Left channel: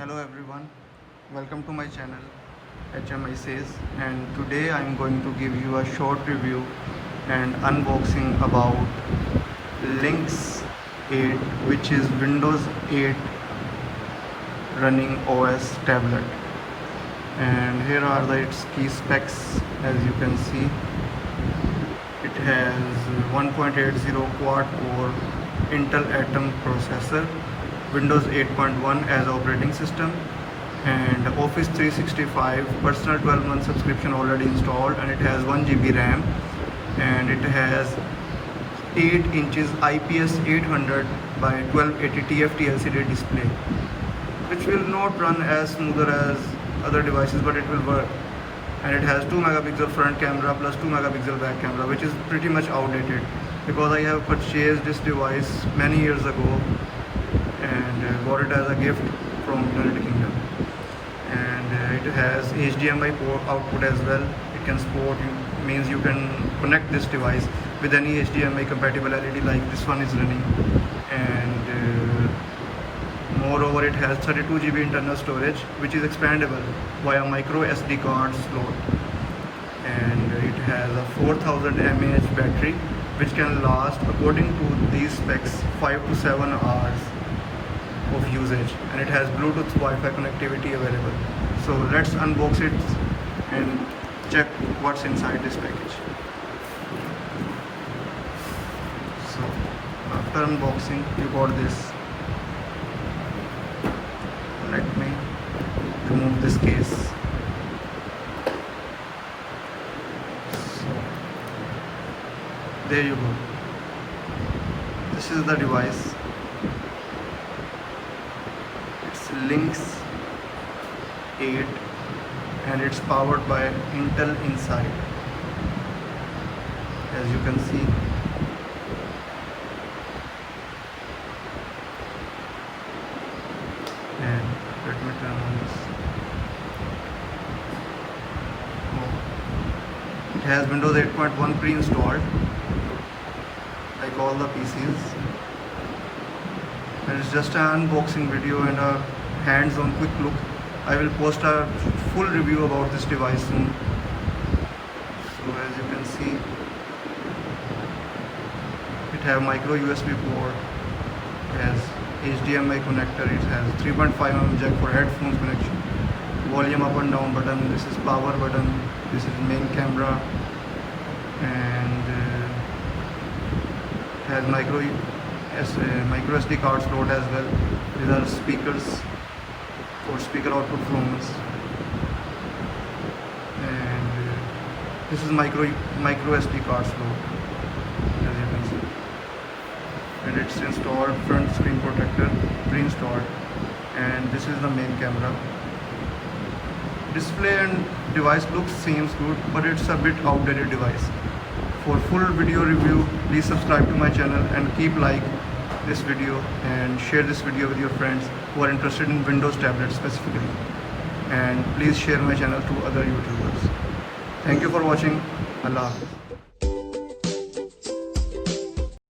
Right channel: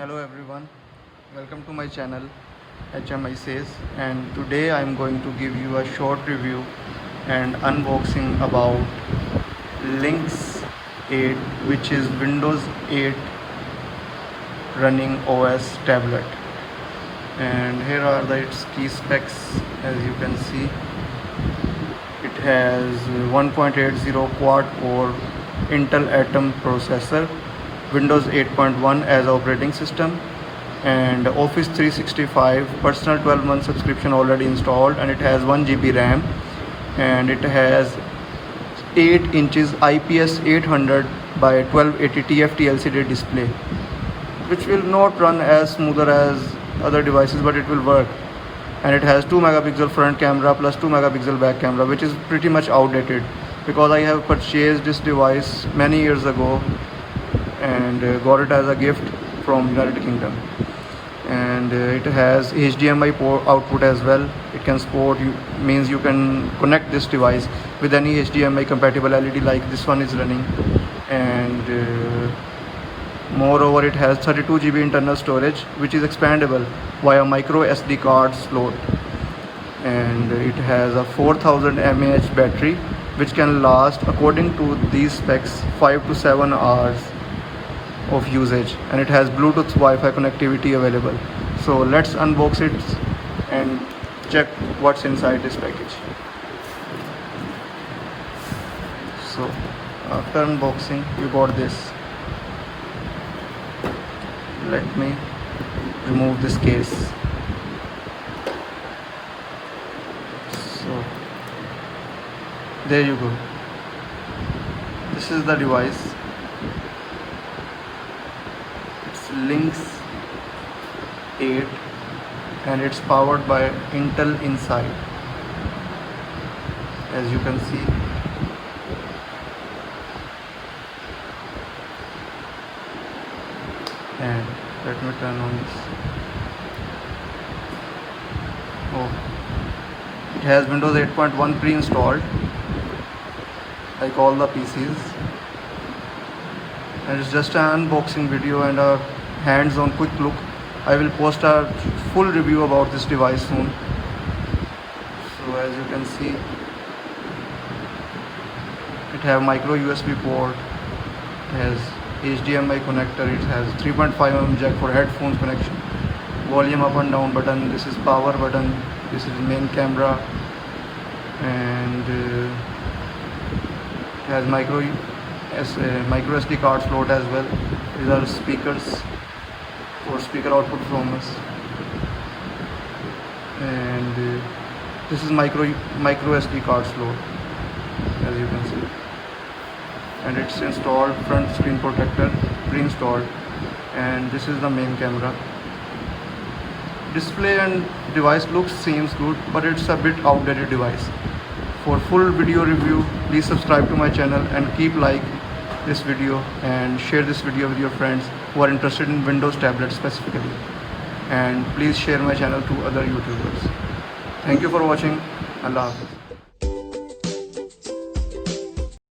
Hello everyone, welcome to my channel HMI Says, and today I am going to give you a short review and unboxing about Linx 8, which is Windows 8 running OS tablet. And here are its key specs. As you can see, it has 1.80 quad core Intel Atom processor, Windows 8.1 as operating system, and Office 365 personal 12-month subscription already installed, and it has 1 GB RAM, and it has 8 inches IPS 800 by 1280 TFT LCD display, which will not run as smoother as other devices, but it will work. And it has 2 megapixel front camera plus 2 megapixel back camera, which is pretty much outdated because I have purchased this device many years ago and got it as a gift from United Kingdom. And it has HDMI output as well. It can support, means you can connect this device with any HDMI compatible LED like this one is running. And moreover, it has 32 GB internal storage, which is expandable via micro SD card slot. And it has a 4000 mAh battery, which can last, according to these specs, 5 to 7 hours of usage, and it has Bluetooth Wi-Fi connectivity available. So let's unbox it and check what's inside this package. So after unboxing, you got this. Let me remove this case. So there you go. This is the device. It's Linx 8 and it's powered by Intel inside, as you can see. And let me turn on this. Oh, it has Windows 8.1 pre-installed like all the PCs, and it's just an unboxing video and a hands-on quick look. I will post a full review about this device soon. So as you can see, it has micro USB port, it has HDMI connector, it has 3.5mm jack for headphones connection, volume up and down button, this is power button, this is main camera, and it has micro SD card slot as well. These are speakers for speaker output from us, and this is micro SD card slot, as you can see. And it's installed front screen protector, pre-installed, and this is the main camera. Display and device looks seems good, but it's a bit outdated device. For full video review, please subscribe to my channel and keep like this video and share this video with your friends who are interested in Windows tablets specifically, and please share my channel to other YouTubers. Thank you for watching. Allah Hafiz.